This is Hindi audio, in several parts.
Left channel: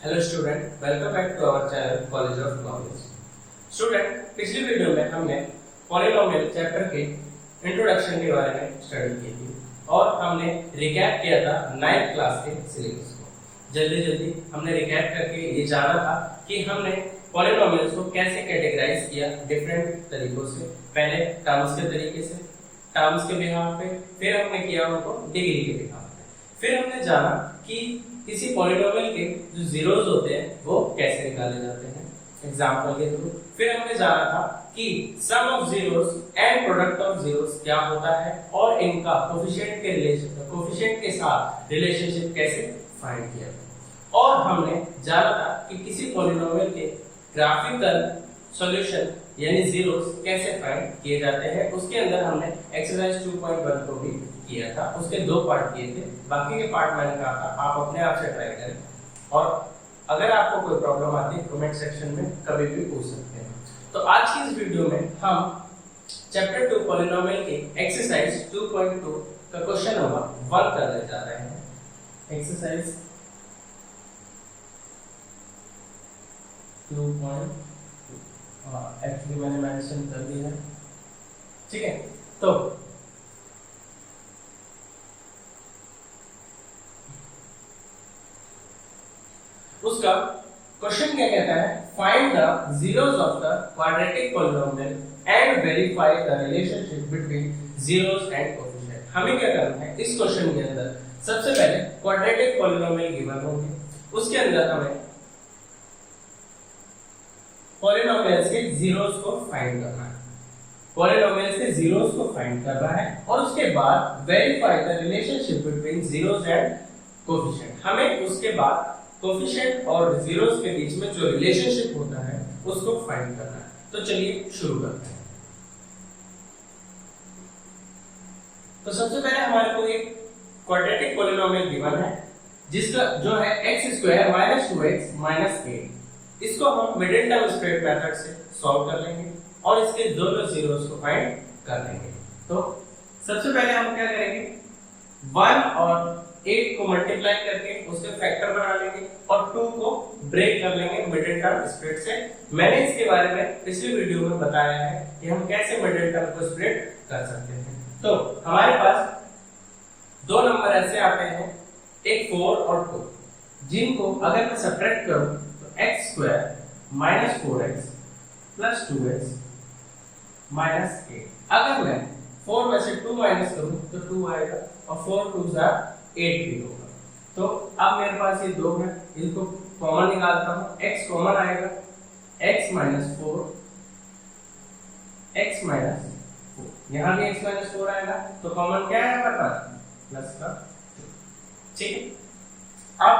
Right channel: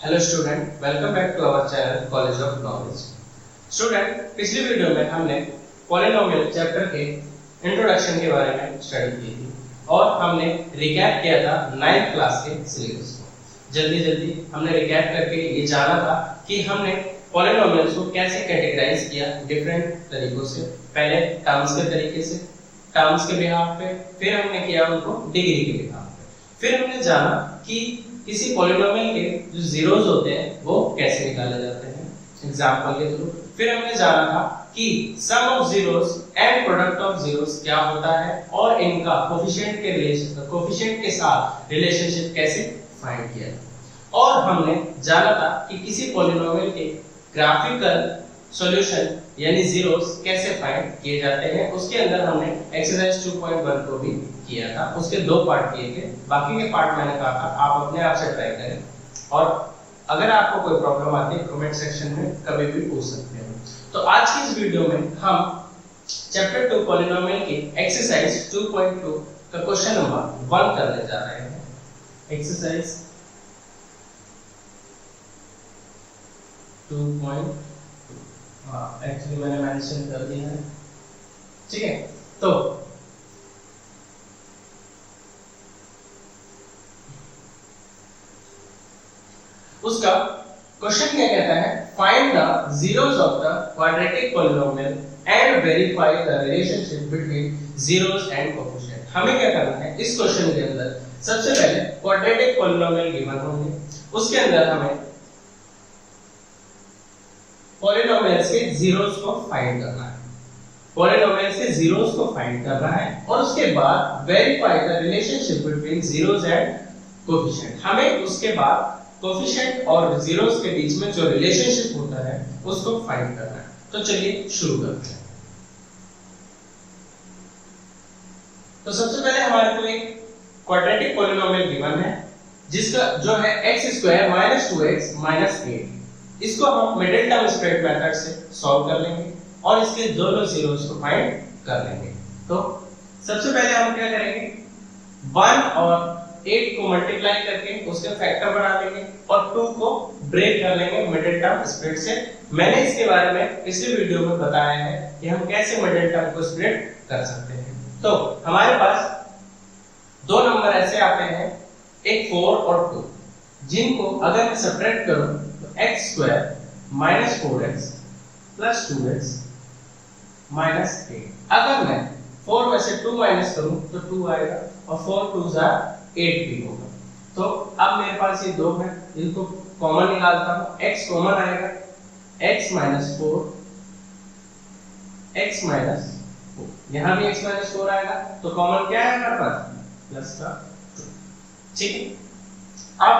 Hello student, welcome back to our channel college of knowledge. Student, पिछली वीडियो में हमने पॉलिनोमियल चैप्टर के इंट्रोडक्शन के बारे में स्टडी की थी और हमने रिकैप किया था 9th क्लास के सिलेबस को। जल्दी हमने रिकैप करके ये जाना था कि हमने पॉलिनोमियल्स को कैसे कैटेगराइज किया डिफरेंट तरीकों से। पहले टर्म्स के तरीके से, टर्म्स के बिहाफ पे, फिर हमने किया उनको डिग्री के बिहाफ पे, फिर हमने जाना कि किसी पॉलिनोमियल के जो जीरोस होते हैं वो कैसे निकाले जाते हैं एग्जांपल के थ्रू। फिर हमने जाना था कि sum of zeros and product of zeros क्या होता है और इनका कोफिशिएंट के साथ रिलेशनशिप कैसे फाइंड किया जाए। और हमने जाना था कि किसी पॉलिनोमियल के ग्राफिकल सॉल्यूशन यानी जीरोस कैसे फाइंड किए जाते हैं। उसके अंदर हमने एक्सरसाइज 2.1 को भी किया था। उसके दो पार्ट किए थे, बाकी के पार्ट मैंने कहा था आप अपने आप से ट्राई करें और अगर आपको कोई प्रॉब्लम आती है कमेंट सेक्शन में कभी भी पूछ सकते हैं। तो आज की इस वीडियो में हम चैप्टर 2 पॉलिनोमियल के एक्सरसाइज 2.2 का क्वेश्चन नंबर 1 करने जा रहे हैं। एक्सरसाइज 2.2 एक्चुअली मैंने मेंशन कर दिया है, ठीक है। तो उसका क्वेश्चन क्या कहता है, find the zeros of the quadratic polynomial and verify the relationship between zeros and coefficient. हमें क्या करना है इस क्वेश्चन के अंदर, सबसे पहले क्वाड्रेटिक पॉलिनोमियल गिवन होंगे, उसके अंदर हमें पॉलिनोमियल्स के जीरोस को फाइंड करना है, पॉलिनोमियल्स के जीरोस को फाइंड करना है और उसके बाद verify the relationship between zeros and coefficient. हमें उसके बाद कोफिशिएंट और जीरोस के बीच में जो रिलेशनशिप होता है उसको फाइंड करना है। तो चलिए शुरू करते हैं। तो सबसे पहले हमारे को एक क्वाड्रेटिक पॉलिनोमियल गिवन है जिसका जो है x² - 2x - 8। इसको हम मिडिल टर्म स्प्रेड मेथड से सॉल्व कर लेंगे और इसके दोनों जीरोस को फाइंड कर लेंगे। तो सबसे पहले हम क्या करेंगे, 1 और 8 को मल्टीप्लाई करके उसके फैक्टर बना लेंगे और 2 को ब्रेक कर लेंगे मिडिल टर्म स्प्रेड से। मैंने इसके बारे में पिछली वीडियो में बताया है कि हम कैसे मिडिल टर्म को स्प्रेड कर सकते हैं। तो हमारे पास दो नंबर ऐसे आते हैं, एक 4 और 2, जिनको अगर मैं सब्ट्रैक्ट करूं तो x² - 4x + 2x - 8। अगर मैं 4 में से 2 माइनस करूं तो 2 आएगा और 4 2s are 8 भी होगा। तो अब मेरे पास ये दो है, इनको कॉमन निकालता हूं, x कॉमन आएगा, x - 4 x - 4, यहां भी x - 4 आएगा तो कॉमन क्या है हमारे पास प्लस का 2, ठीक है। अब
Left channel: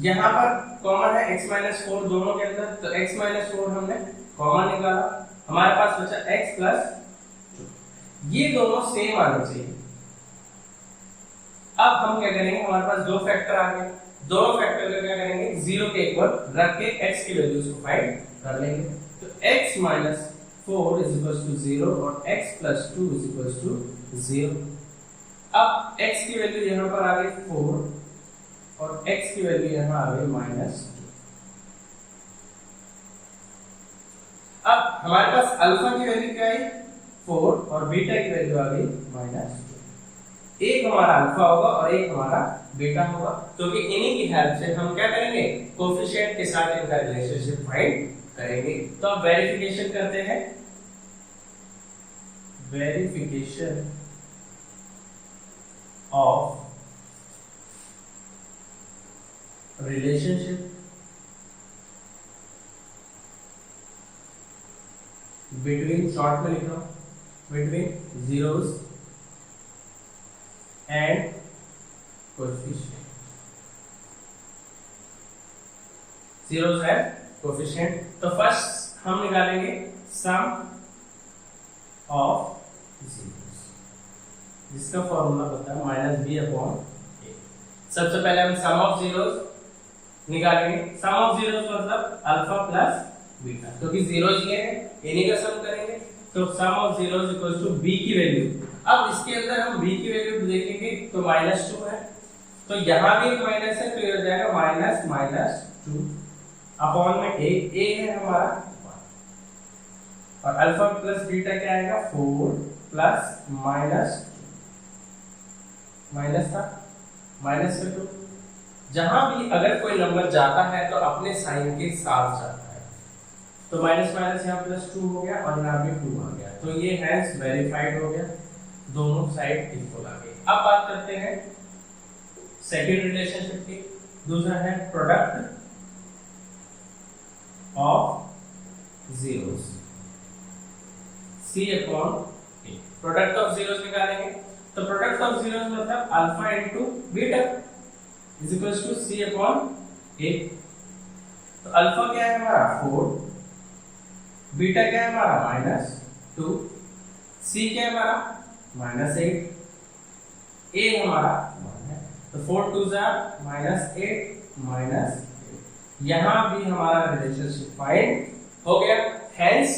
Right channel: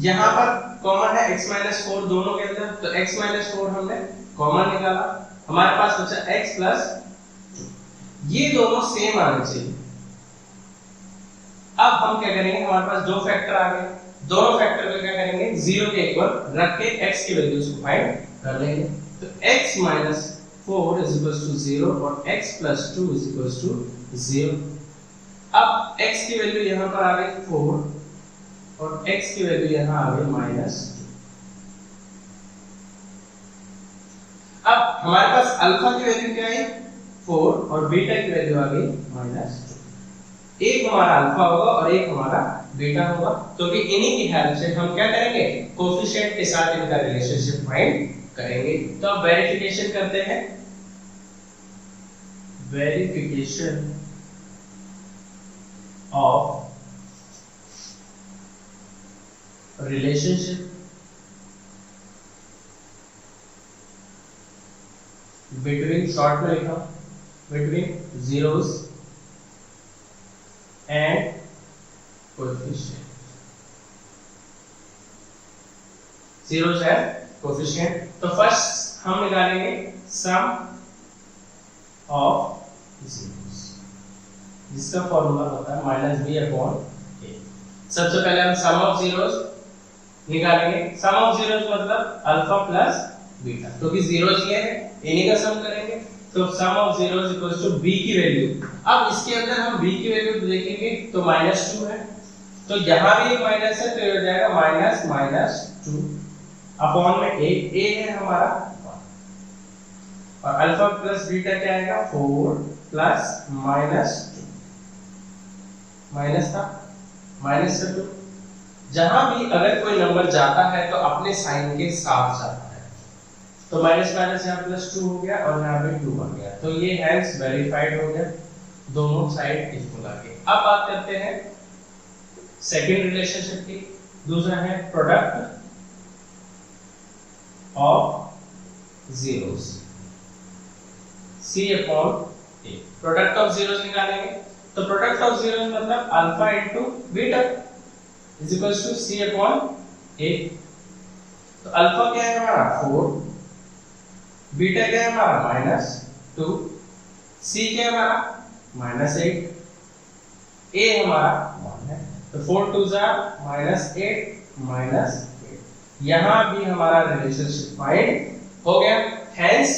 यहां पर कॉमन है x - 4 दोनों के अंदर, तो x - 4 हमने कॉमन निकाला, हमारे पास बचा x + 2। ये दोनों सेम आने चाहिए। अब हम क्या करेंगे, हमारे पास दो फैक्टर आ गए, दोनों फैक्टर को क्या करेंगे 0 के इक्वल रख के x की वैल्यूज को फाइंड कर लेंगे। तो x - 4 = 0 और x + 2 = 0। अब x की वैल्यू यहां पर आ गई 4 और x की वैल्यू यहां आ गई -2। अब हमारे पास अल्फा की वैल्यू क्या आई 4 और बीटा की वैल्यू आ गई -2। एक हमारा अल्फा होगा और एक हमारा बीटा होगा, क्योंकि इन्हीं की हेल्प से हम क्या करेंगे कोफिशिएंट के साथ इनका रिलेशनशिप फाइंड करेंगे। तो अब वेरिफिकेशन करते हैं, verification of relationship between, short में लिखा between zeros and coefficient, zeros and coefficient। तो फर्स्ट हम निकालेंगे sum of zeros, जिसका फॉर्मूला होता है -b/a। सबसे पहले हम सम ऑफ जीरोस निकालेंगे, सम ऑफ जीरोस मतलब अल्फा प्लस बीटा, क्योंकि जीरोस ये है इन्हीं का सम करेंगे। तो sum of zeros equals to b की वैल्यू, अब इसके अंदर हम b की वैल्यू देखेंगे तो -2 है, तो यहाँ भी एक माइनस है, तो ये हो जाएगा माइनस माइनस 2 अपॉन में ए है हमारा 1 और अल्फा प्लस बीटा क्या आएगा 4 प्लस माइनस 2 माइनस था माइनस से 2। जहां भी अगर कोई नंबर जाता है तो अपने साइन के साथ जाता है, तो माइनस माइनस यहाँ प्लस 2 हो गया और यहाँ पे 2 आ गया, तो ये हैंस वेरीफाइड हो गया, दोनों साइड इक्वल आ गए। अब बात करते हैं सेकंड रिलेशनशिप की। दूसरा है product of zeros, C upon A। Product of zeros निकालेंगे तो प्रोडक्ट ऑफ जीरोस मतलब alpha into beta is equals to C upon A। तो अल्फा क्या है हमारा 4, बीटा क्या है हमारा -2, C क्या है हमारा -8, A हमारा 1 है, तो 4 2 जा -8 यहां भी हमारा रिलेशनशिप फाइंड हो गया, हेंस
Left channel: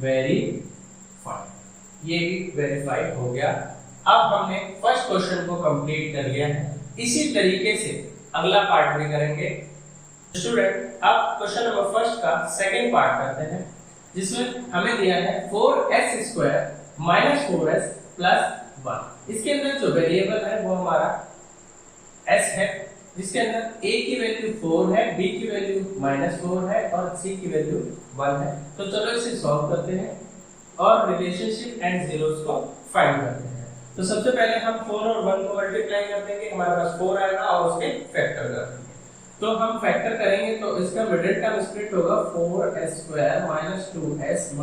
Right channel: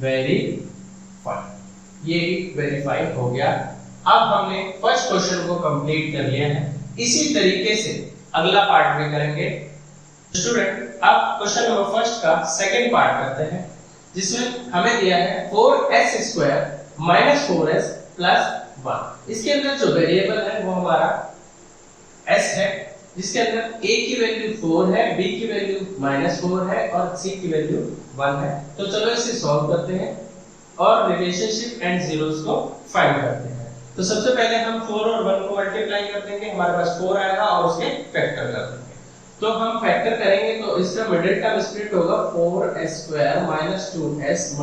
वेरीफाइड, ये भी वेरीफाई हो गया। अब हमने फर्स्ट क्वेश्चन को कंप्लीट कर लिया है, इसी तरीके से अगला पार्ट भी करेंगे। स्टूडेंट अब क्वेश्चन नंबर फर्स्ट का सेकंड पार्ट करते हैं, जिसमें हमें दिया है 4s² - 4s + 1। इसके अंदर जो वेरिएबल है वो हमारा s है, जिसके अंदर a की वैल्यू 4 है, b की वैल्यू -4 है और c की वैल्यू 1 है। तो चलो इसे सॉल्व करते हैं और रिलेशनशिप एंड जीरोस को फाइंड करते हैं। तो सबसे पहले हम 4 और 1 को मल्टीप्लाई कर देंगे, हमारे पास 4 आएगा और उसके फैक्टर कर देंगे। तो हम फैक्टर करेंगे तो इसका मिडिल टर्म स्प्लिट होगा 4s² - 2s - 2s +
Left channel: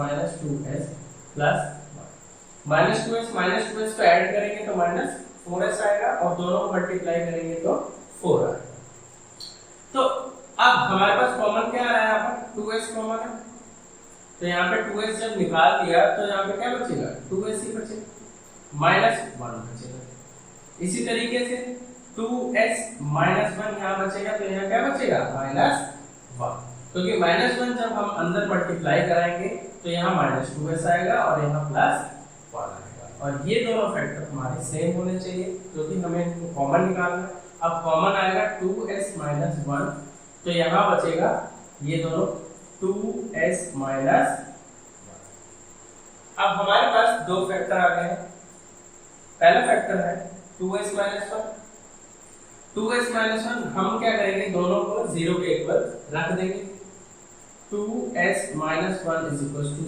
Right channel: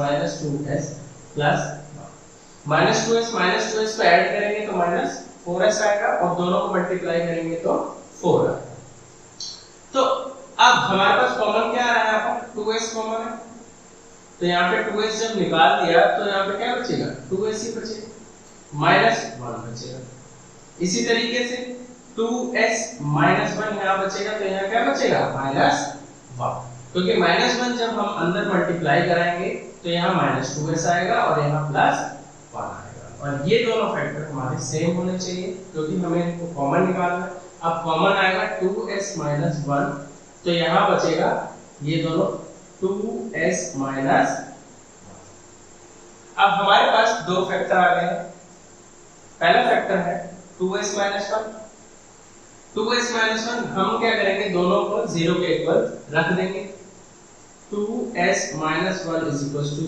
1 -2s को ऐड करेंगे तो -4s आएगा और दोनों को मल्टीप्लाई करेंगे तो 4 आएगा। तो अब हमारे पास कॉमन क्या आ रहा है, यहाँ पर 2s कॉमन है, तो यहाँ पे 2s जब निकाल दिया तो यहाँ पे क्या बचेगा 2s ही बचेगा, -1 बचेगा। इसी तरीके से 2s - 1 यहाँ बचेगा, तो यहाँ क्या बचेगा -1, क्योंकि -1 जब हम अंदर मल्टीप्लाई कराएंगे तो यहाँ -2s आएगा और यहाँ +1 आएगा, और ये दोनों फैक्टर हमारे सेम होने चाहिए क्योंकि हमें इनको कॉमन निकालना है। अब कॉमन आएगा 2s - 1, तो यहाँ बचेगा ये दोनों 2s - 1। अब हमारे पास दो फैक्टर आ गए हैं। पहला फैक्टर है 2s - 1। 2s - 1 हम क्या करेंगे, दोनों को 0 के इक्वल रख देंगे। 2s - 1 =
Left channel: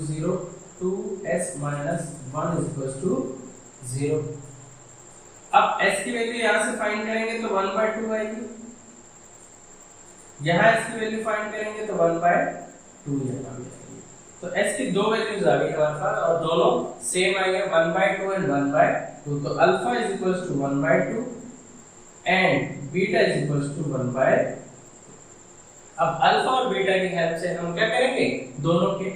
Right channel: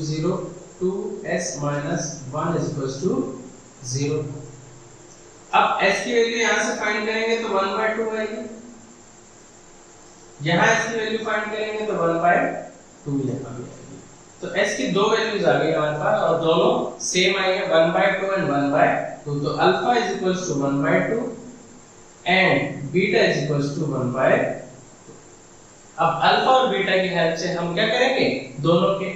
0, 2s - 1 = 0। अब s की वैल्यू यहां से फाइंड करेंगे तो 1/2 आएगी, यहां s की वैल्यू फाइंड करेंगे तो 1/2 यहां भी आएगी। तो s की दो वैल्यूज आ गई हमारे पास और दोनों सेम आई है, 1/2 एंड 1/2। तो अल्फा = 1/2 एंड बीटा = 1/2। अब अल्फा और बीटा की हेल्प से हम क्या करेंगे, दोनों के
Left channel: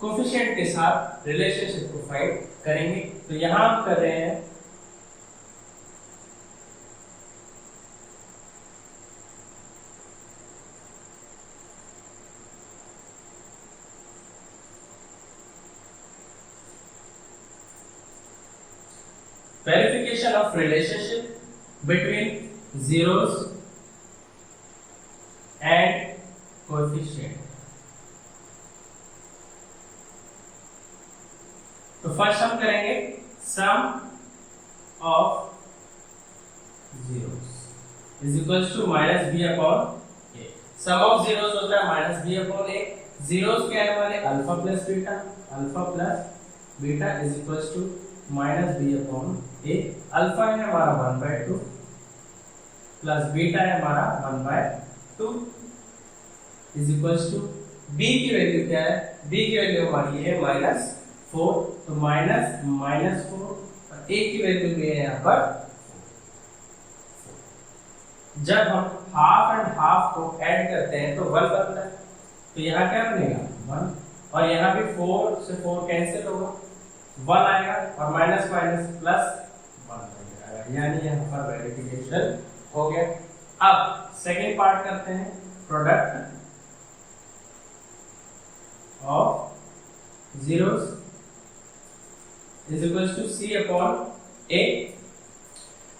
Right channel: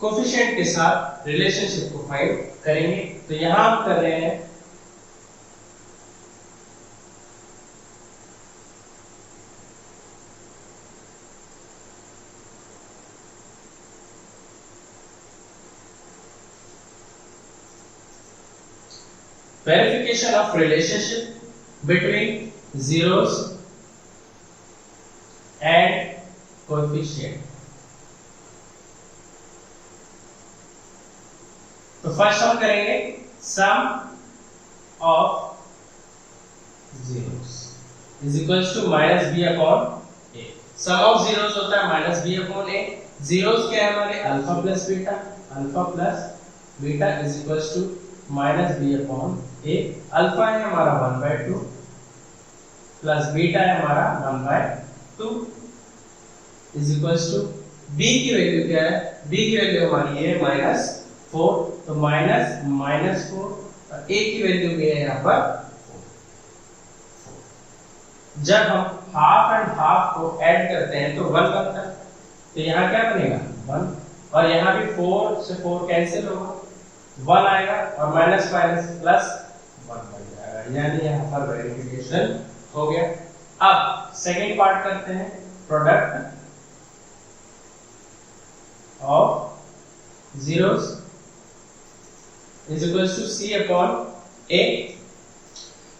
कोफिशिएंट के साथ रिलेशनशिप को फाइंड करेंगे। तो यहां हम कर रहे हैं verification of relationship between zeros and coefficient। तो फर्स्ट हम करेंगे sum of zeros is equals to -b/a। sum of zeros होता है -b/a। zeros क्या है हमारे alpha plus beta is equals to -b/a। Alpha है हमारा 1/2 प्लस बीटा है हमारा 1/2 इज इक्वल्स टू b की वैल्यू क्या है, b की वैल्यू हमारी है -4, तो -4 और a की वैल्यू भी है यहाँ पर 4। जब हम हाफ एंड हाफ को ऐड करते हैं तो 1 बनता है, तो यहाँ क्या बनेगा 1 और यहाँ भी 4 से 4 कैंसिल होगा, 1 आएगा और माइनस माइनस प्लस 1 बन जाएगा, यानी यहाँ पर वेरिफिकेशन हो गया। अब सेकंड पार्ट करते हैं, product of zeros is equals to C upon A।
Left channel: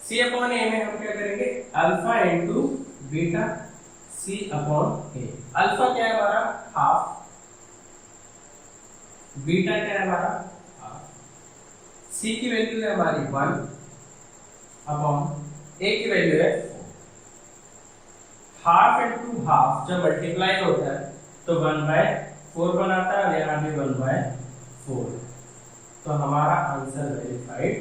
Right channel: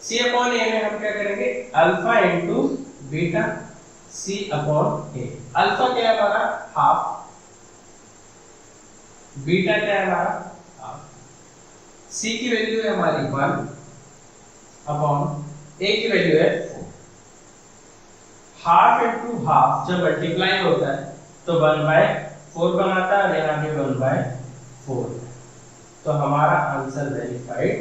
C upon A में हम क्या करेंगे, alpha into beta C upon A. Alpha क्या है हमारा हाफ, बीटा क्या है हमारा हाफ, C की वैल्यू है हमारी 1 अपॉन ए की वैल्यू है 4। हाफ इंटू हाफ जब मल्टीप्लाई होता है तो 1/4 बनाता है, और यहाँ भी 1/4। तो हमारा आंसर वेरीफाइड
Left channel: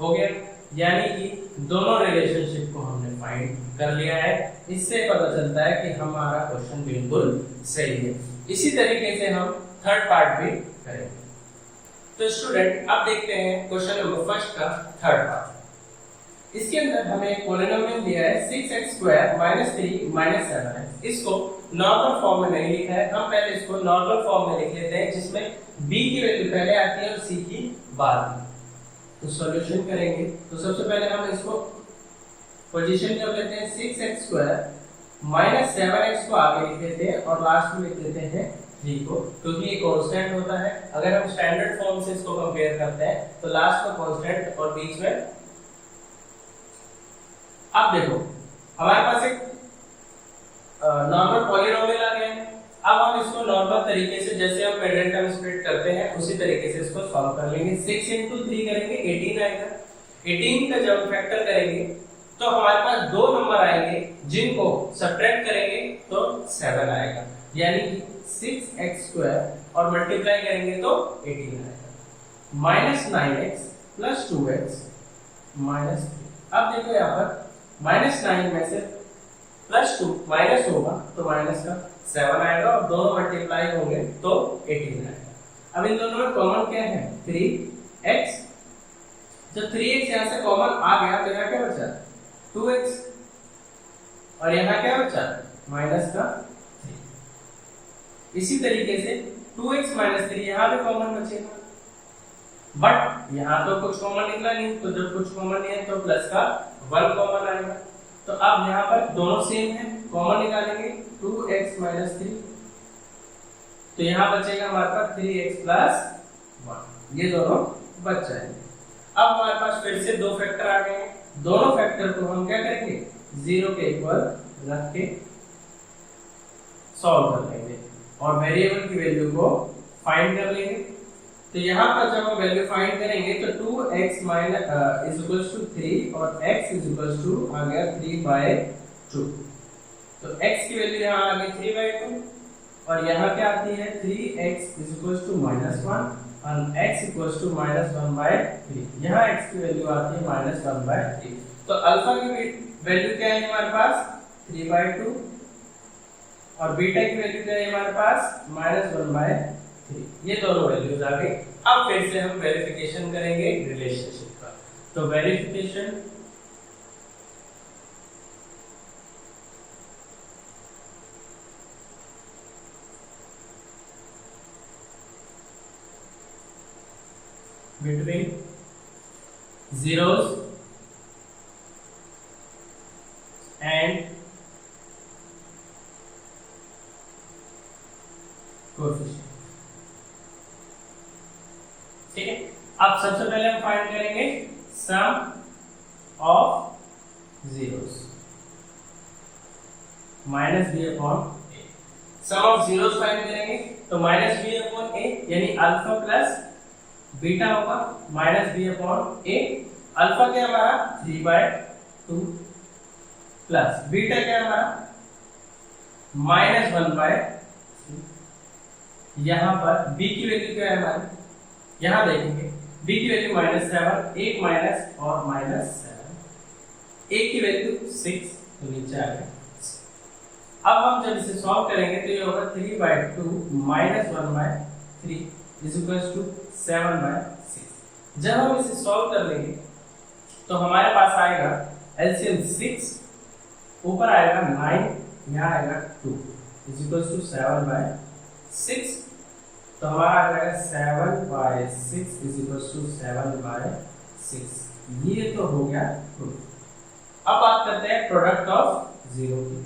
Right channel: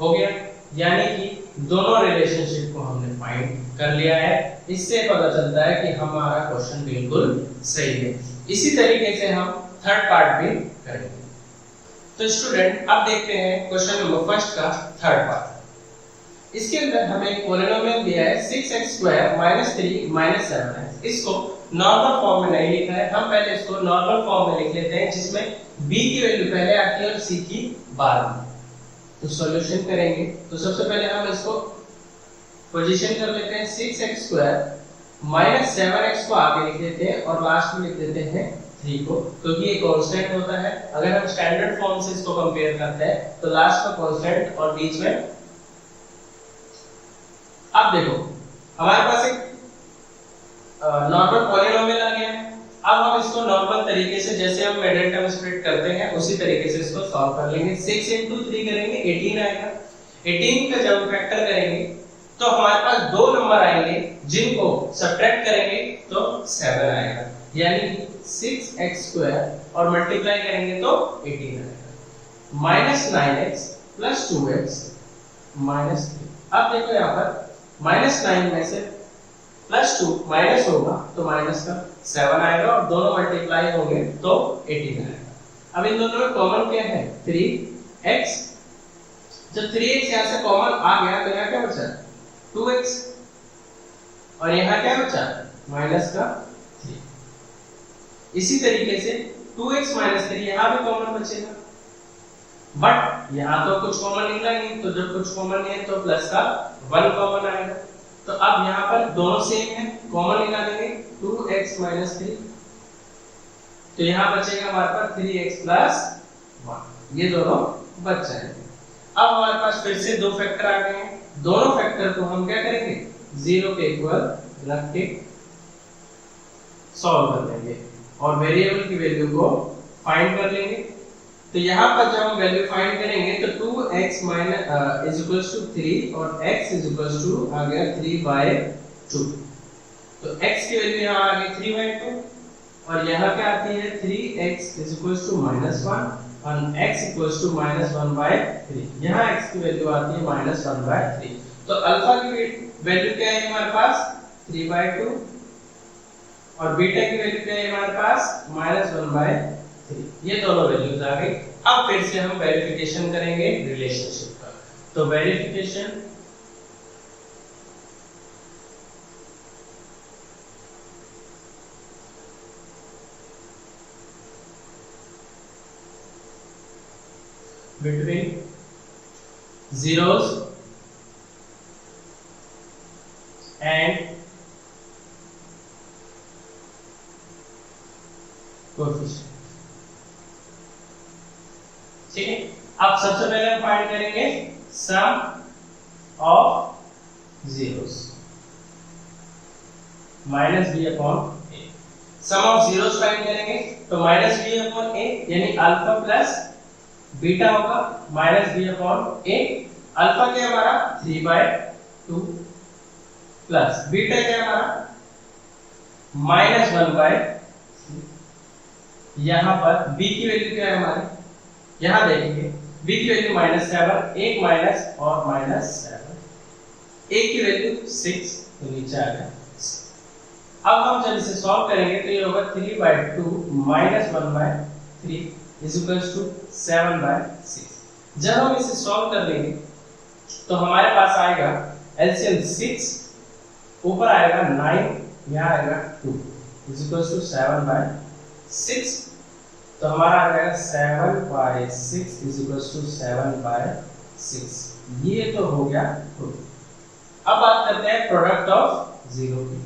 हो गया, यानी कि दोनों रिलेशनशिप को हमने फाइंड कर लिया है। इससे पता चलता है कि हमारा क्वेश्चन बिल्कुल सही है। इसी तरीके से हम थर्ड पार्ट भी करेंगे। तो स्टूडेंट अब देखते हैं क्वेश्चन नंबर फर्स्ट का थर्ड पार्ट। इसके अंदर हमें पॉलिनोमियल दिया है 6x² - 3 - 7x। इसको नॉर्मल फॉर्म में नहीं लिखा है, हम पहले इसको नॉर्मल फॉर्म में लिख लेते हैं, जिसमें b की वैल्यू पहले आती है और c की बाद में। तो सॉल्यूशन करेंगे तो सबसे पहले हम इसको पोजीशन कर लेते हैं 6x² - 7x को आगे लिख देते हैं और लास्ट में लिख देते हैं 3 को, क्योंकि ये कांस्टेंट होता है। अगर हम स्टैंडर्ड फॉर्म से इसको कंपेयर करते हैं तो लास्ट का कांस्टेंट और बीच में। अब देखो हमारे पास एक नॉर्मल पॉलिनोमियल आ गया है। अब हम इसको नॉर्मल तरीके से, जैसे हम मिडिल टर्म स्प्लिट करते हैं उसी तरीके से इसको सॉल्व कर लेंगे। 6 × 3 करेंगे 18 आएगा। 18 का जब फैक्टर करेंगे तो हमारे पास दो नंबर आएंगे, जिनको सब्ट्रैक्ट करेंगे तो 7 आएगा, यानी कि 6x² और मल्टीप्लाई करेंगे तो 18 आएगा। -9x + 2x - 3। अब देखो यहाँ पर -9 में से +2 माइनस होगा तो माइनस का 7 आएगा, और दोनों मल्टीप्लाई होंगे तो 18 आएगा। अब इन दोनों में कॉमन क्या है, 3x। जब 3x यहाँ से कॉमन आ गया तो यहाँ क्या बचा, 2x, और यहाँ क्या बचा, माइनस का 3। इसी तरीके से 2x - 3 यहाँ भी कॉमन बचेगा, बट यहाँ तो कुछ कॉमन निकला नहीं, तो जब कुछ कॉमन नहीं है तो प्लस का 1 कॉमन आएगा। तो अब यहाँ पर दोनों सेम है, कॉमन निकालेंगे 2x - 3, तो यहाँ बचेगा हमारे पास 3x + 1, ये दोनों बच जाएंगे। अब हमारे पास फिर से दो फैक्टर आ गए हैं, दोनों फैक्टर को हम क्या करेंगे, 0 के इक्वल रख के सॉल्व कर लेंगे और वेरिएबल की वैल्यू को फाइंड कर लेंगे। तो यहाँ पर जब हम वैल्यू फाइंड करेंगे तो 2x = 3 और x = आ गया 3/2। तो x की वैल्यू यहाँ आ गई 3/2, और यहाँ क्या आती है 3x = -1 और x = -1/3। यहाँ x की वैल्यू आती है -1/3। तो अल्फा की वैल्यू क्या है हमारे पास, 3/2, और बीटा की वैल्यू क्या है हमारे पास, -1/3। ये दोनों वैल्यूज आ गई। अब फिर से हम वेरिफिकेशन करेंगे रिलेशनशिप का। तो verification between zeros and coefficient. ठीक है, अब सबसे पहले हम फाइंड करेंगे sum of zeros -b/a। Sum of zeros find करेंगे तो -b/a यानी अल्फा प्लस बीटा होगा, -b/a। अल्फा क्या हमारा 3/2 प्लस बीटा क्या हमारा -1/3। यहाँ पर b की वैल्यू क्या है हमारी, यहाँ देखेंगे b की वैल्यू -7, 1 माइनस और -7, a की वैल्यू 6, तो नीचे आ गया। अब हम जब इसे सॉल्व करेंगे तो ये होगा 3/2 -1/3 = 7/6। जब हम इसे सॉल्व कर लेंगे तो हमारे पास आएगा एलसीएम 6, ऊपर आएगा 9, यहाँ आएगा 2 = 7/6। तो हमारा आ जाएगा 7/6 = 7/6। ये तो हो गया प्रूफ। अब बात करते हैं प्रोडक्ट ऑफ जीरो की।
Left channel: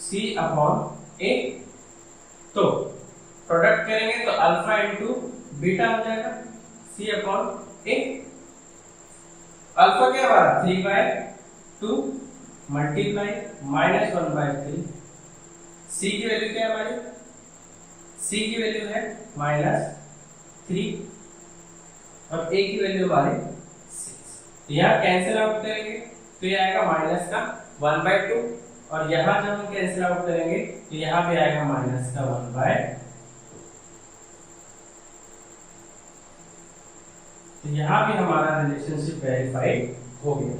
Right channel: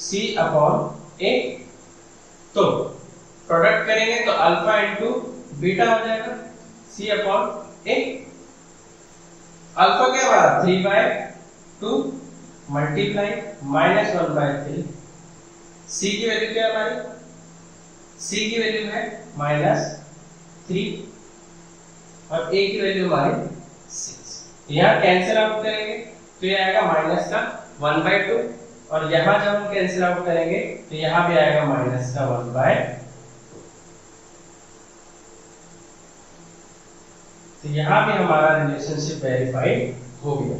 C/A। तो प्रोडक्ट करेंगे तो अल्फा इंटू बीटा हो जाएगा c अपॉन a। अल्फा क्या हमारा 3/2 मल्टीप्लाई -1/3। c की वैल्यू क्या है हमारी, c की वैल्यू है -3 और a की वैल्यू हमारी 6। यहाँ कैंसिल आउट करेंगे तो ये आएगा माइनस का 1/2 और यहाँ जब हम कैंसिल आउट करेंगे तो यहाँ भी आएगा माइनस का 1/2। तो यहाँ भी हमारा रिलेशनशिप वेरीफाइड हो गया।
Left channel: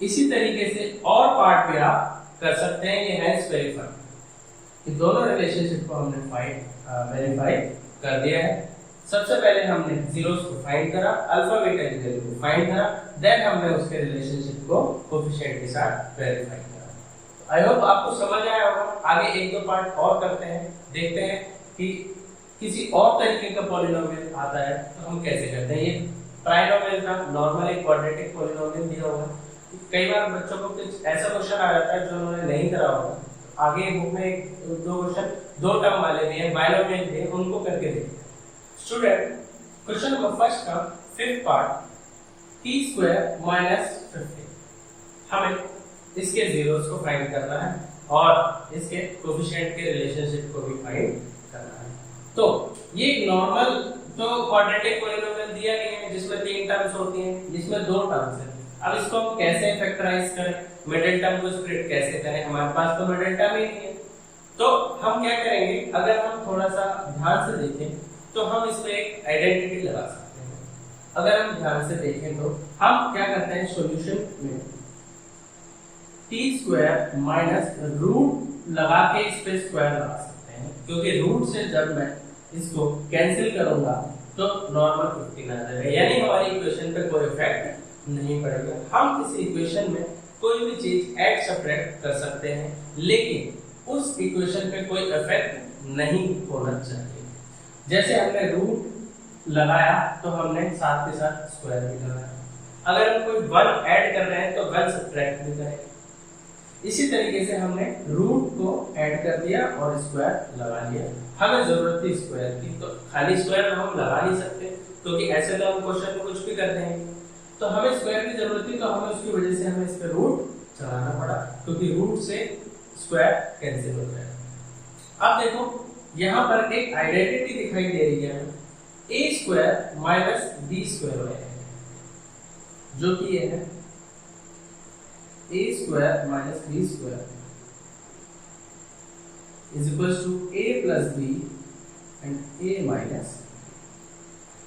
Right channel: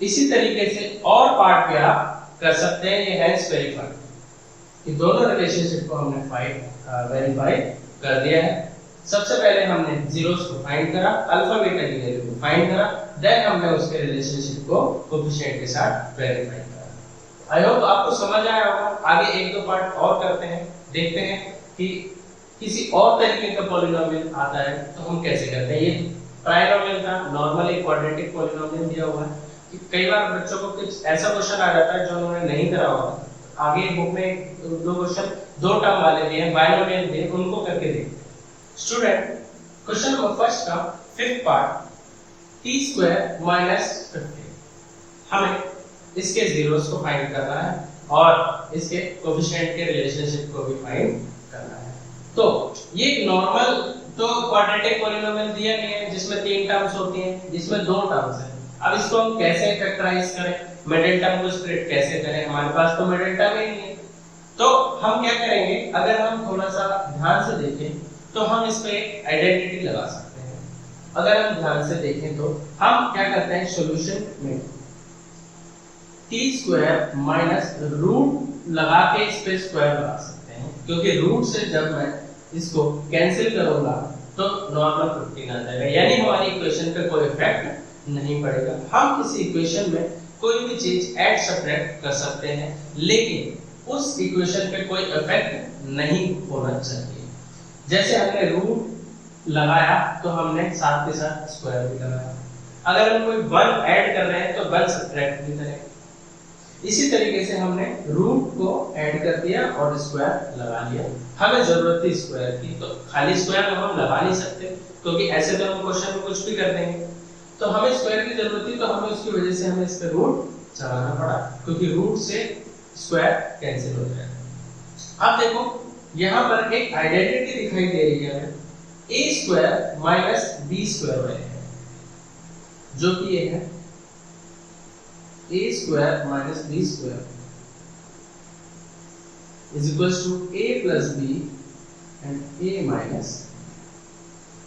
इसी तरीके से और पार्ट पे आप कर सकते हैं, ये हेंस वेरीफाई कि दोनों रिलेशनशिप को हमने वेरीफाई कर दिया है। सबसे पहले हमने जीरोस को फाइंड करा, अल्फा बीटा की वैल्यू को फाइंड करा, देन हमने उसके रिलेशनशिप को कोएफिशिएंट के साथ वेरीफाई करा। आई होप आपको समझ आया होगा। आगे एक दो पार्ट और करते हैं, देखते हैं कि किसी और तरीके का पॉलिनोमियल आता है तो हम कैसे करते हैं। ये ट्राइनोमियल था, नॉर्मल एक क्वाड्रेटिक पॉलिनोमियल दिया हुआ है। कई बार बच्चों को कुछ ऐसा क्वेश्चन आ जाता है जो उन्होंने नहीं करा होगा। आगे बुक में दो क्वेश्चन दो टर्म वाले भी हैं, बाइनोमियल भी है, उनको करके देखते हैं। स्टूडेंट, क्वेश्चन नंबर फर्स्ट का फिफ्थ पार्ट t² - 15। हमें इसके जीरोस को फाइंड करना है और इसके कोएफिशिएंट के रिलेशनशिप को भी फाइंड करना है। तो ये नॉर्मल तो क्वाड्रेटिक पॉलिनोमियल दिया गया है जिसमें तीन टर्म्स होती हैं, जिसमें दो टर्म्स हैं। अब इसको हम कैसे फैक्टराइज करें, मिडिल टर्म को स्प्लिट कैसे करें, हमारे पास तो मिडिल टर्म ही नहीं है। तो हम क्या करेंगे, अगर हम थोड़ा सा ध्यान से देखें तो हम इस पे एक आइडेंटिटी लगा सकते हैं। अगर हम ध्यान से देखें तो हम क्या करते हैं, सॉल्यूशन में t² - रूट लगा के इस पे स्क्वायर लगा सकते हैं, क्योंकि रूट से जब मैं इसको कैंसिल करूंगा तो नॉर्मल 15 आ जाएगा, यानी हमारी इक्वेशन पे कोई इफेक्ट नहीं पड़ेगा। हम इस इक्वेशन में कोई भी चीज ऐड सब्ट्रैक्ट कर सकते हैं, लेकिन उस इक्वेशन पे कोई इफेक्ट नहीं होना चाहिए। जैसे हमने रूट लगाया तो हमने साथ के साथ स्क्वायर भी लगाया। अगर हम कोई 1 ऐड कर रहे हैं तो 1 सब्ट्रैक्ट भी करें। इसी तरीके से हमने रूट को ऐड कर दिया और स्क्वायर लगा लिया। हमें जरूरत थी स्क्वायर की, तो खाली स्क्वायर हम लगा नहीं सकते, क्योंकि ऐसे तो हम क्वेश्चन में कुछ भी कर देंगे। तो हमें स्क्वायर की जरूरत थी, तो हमें उसकी वजह से हमें इस पे रूट चढ़ाना पड़ा, क्योंकि रूट से स्क्वायर कैंसिल हो जाएगा। अब देखो यहाँ पर एक आइडेंटिटी दिखाई दे रही है, a² - b² है, जो कि ये है a² - b² is equals to a plus b and a minus,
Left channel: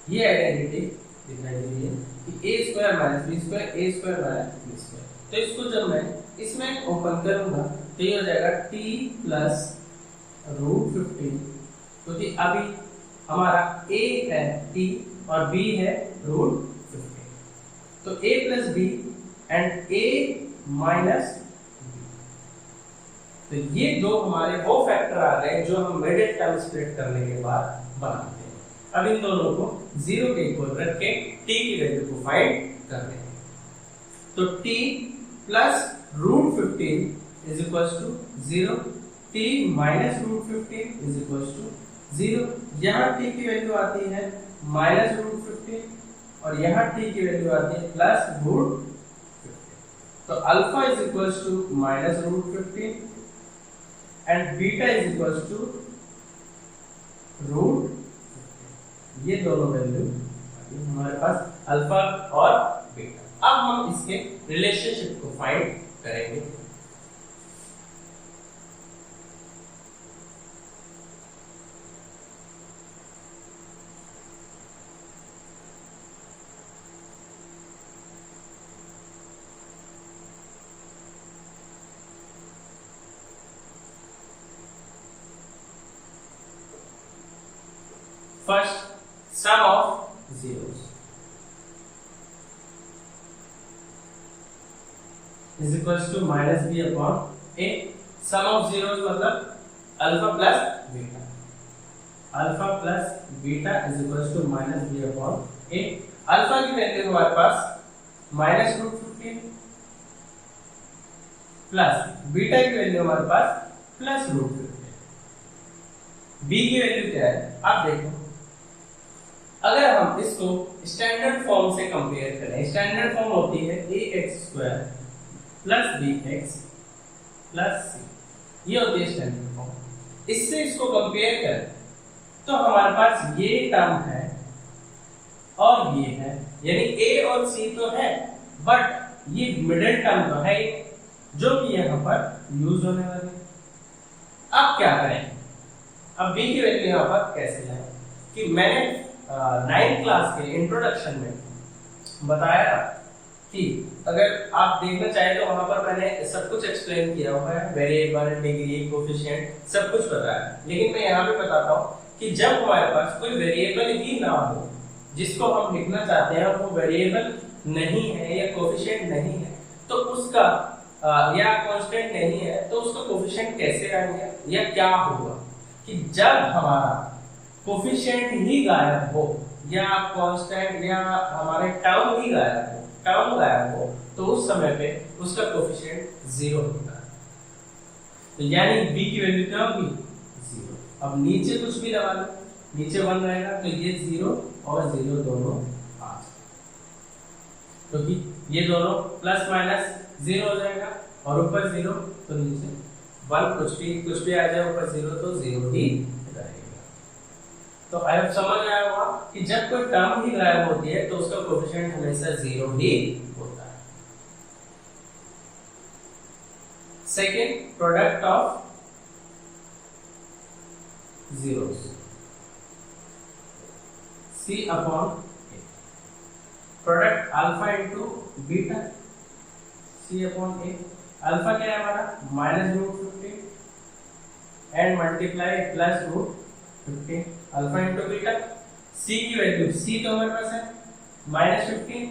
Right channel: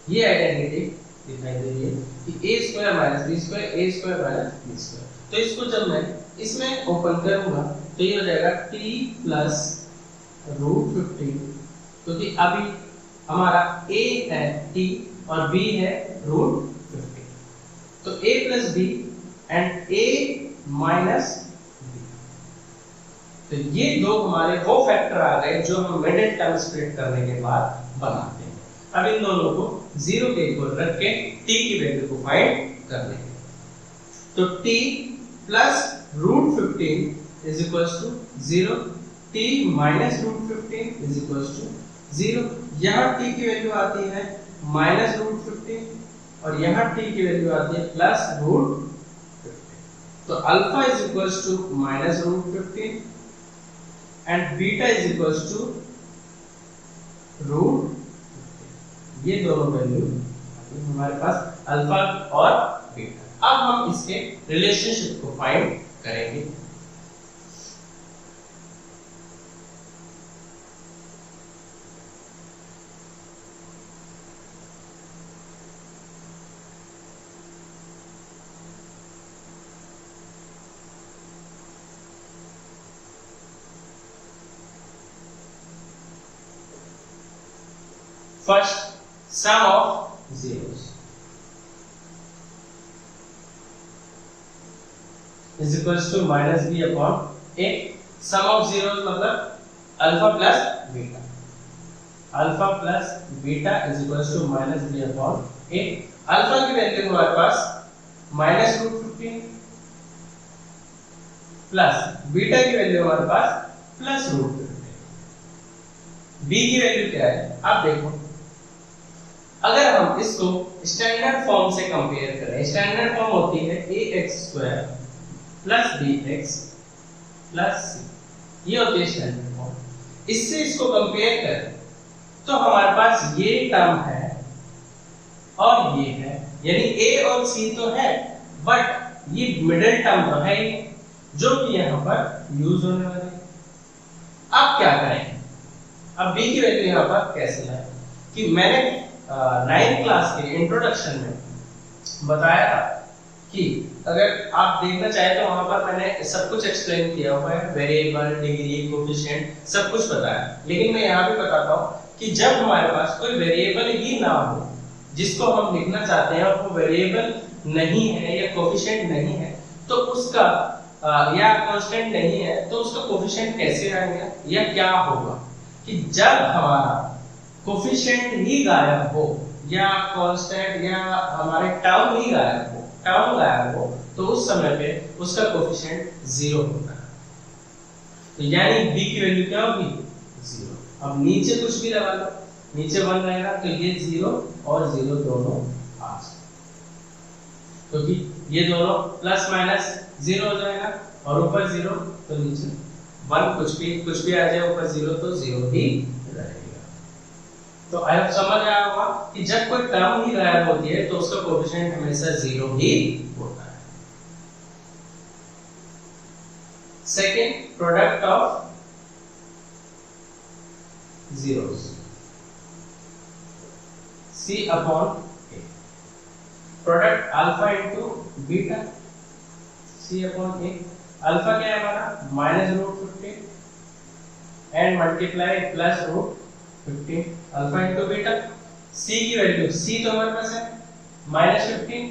ये आइडेंटिटी दिखाई दे रही है कि a² - b², a² - b²। तो इसको जब मैं इसमें ओपन करूंगा तो ये हो जाएगा t plus √15, क्योंकि अभी हमारा a है t और b है √15, तो a plus b and a minus b। तो ये दो हमारे वो फैक्टर आ गए जो हम मिडिल टर्म स्प्लिट करने के बाद बनाते हैं। अब इन दोनों को 0 के इक्वल रख के t की वैल्यू को फाइंड कर लेंगे। तो t plus √15 is equals to 0, t minus √15 is equals to 0। यहाँ t की वैल्यू आती है minus √15 और यहाँ t की वैल्यू आती है plus √15। तो alpha is equals to minus √15 and beta is equals to √15। ये दोनों वैल्यू हमारे पास अल्फा और बीटा। अब हम इसके रिलेशनशिप को फाइंड करेंगे। First, sum of zeros is equals to minus b upon a। sum of zeros मतलब alpha plus beta, alpha plus beta is equals to minus b upon a। Alpha की वैल्यू हमारे पास minus √15 प्लस बीटा की वैल्यू हमारे पास प्लस √15। b की वैल्यू क्या है आप देखो, अगर हम इसको स्टैंडर्ड फॉर्म से कंपेयर करें, स्टैंडर्ड फॉर्म होती है ax² + bx + c, ये होती है स्टैंडर्ड फॉर्म। इससे इसको कंपेयर करें तो हमारे पास ये टर्म है और ये है, यानी a और c तो है, बट ये मिडिल टर्म तो है ही, जो कि यहाँ पर यूज होने वाले। अब क्या करें, अब b की वैल्यू यहाँ पर कैसे लाएं, कि मैंने 9th क्लास के इंट्रोडक्शन में बताया था कि अगर आप देखना चाहें तो वहां पर मैंने सब कुछ एक्सप्लेन किया हुआ है, वेरिएबल, डिग्री, कोफिशिएंट सब कुछ बताया। लेकिन मैं यहाँ पे बताता हूँ कि जब हमारे पास कोई वेरिएबल ही ना हो जिसको हम लिखना चाहते हैं और वो वेरिएबल नहीं है या कोफिशिएंट नहीं है, तो उसका या कांस्टेंट नहीं है तो उसका कोफिशिएंट कैसे आएगा या क्या होगा, कि जब हमारा कोफिशिएंट ही गायब हो या कांस्टेंट या हमारे टर्म ही गायब हो, तो उस समय पे उसका कोफिशिएंट 0 होगा। तो यानी b की वैल्यू क्या होगी 0। अब नीचे कुछ भी लगा लो, नीचे 1 रहेगा तो ये 0 और 0 दोनों आ जाएंगे, क्योंकि ये दोनों प्लस माइनस 0 हो जाएगा और ऊपर 0 तो नीचे 1, कुछ भी आ जाए ऊपर 0 तो 0 ही रहेगा। तो आई होप समझ आया होगा कि जब कोई टर्म ही गायब होती है तो उसका कोएफिशिएंट हमेशा 0 ही होता है। Second, product of zeros, C/A, product alpha into beta, C/A। Alpha क्या है हमारा -√15 and multiply +√15, alpha into beta. C की वैल्यू, C तो हमारे पास है -15,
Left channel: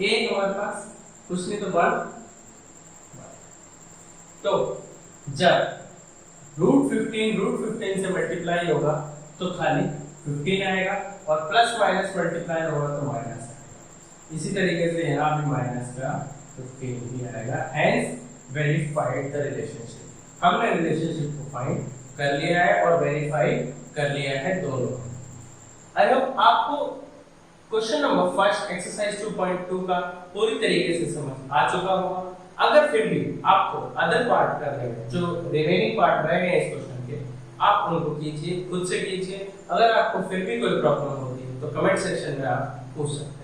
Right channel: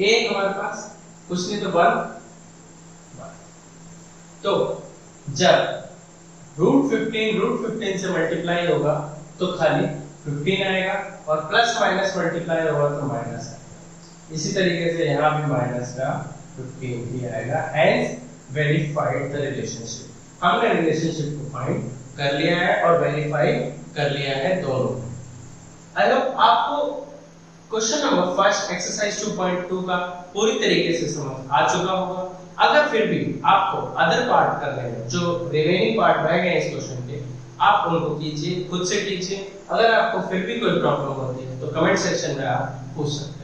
A हमारे पास कुछ नहीं तो 1। तो जब √15 से मल्टीप्लाई होगा तो खाली 15 आएगा और प्लस माइनस मल्टीप्लाई होगा तो माइनस आएगा। इसी तरीके से यहाँ भी माइनस का 15 ही आएगा। हेंस वेरीफाइड द रिलेशनशिप, हमने रिलेशनशिप को फाइंड कर लिया है और वेरीफाई कर लिया है दोनों। आई होप आपको क्वेश्चन नंबर फर्स्ट एक्सरसाइज 2.2 का पूरी तरीके से समझ आ चुका होगा। अगर फिर भी आपको अदर पार्ट करने हैं, जो रिमेनिंग पार्ट रह गए इस क्वेश्चन के, आप उनको कीजिए, खुद से कीजिए। अगर आपको फिर भी कोई प्रॉब्लम होती है तो कमेंट सेक्शन में आप पूछ सकते हैं।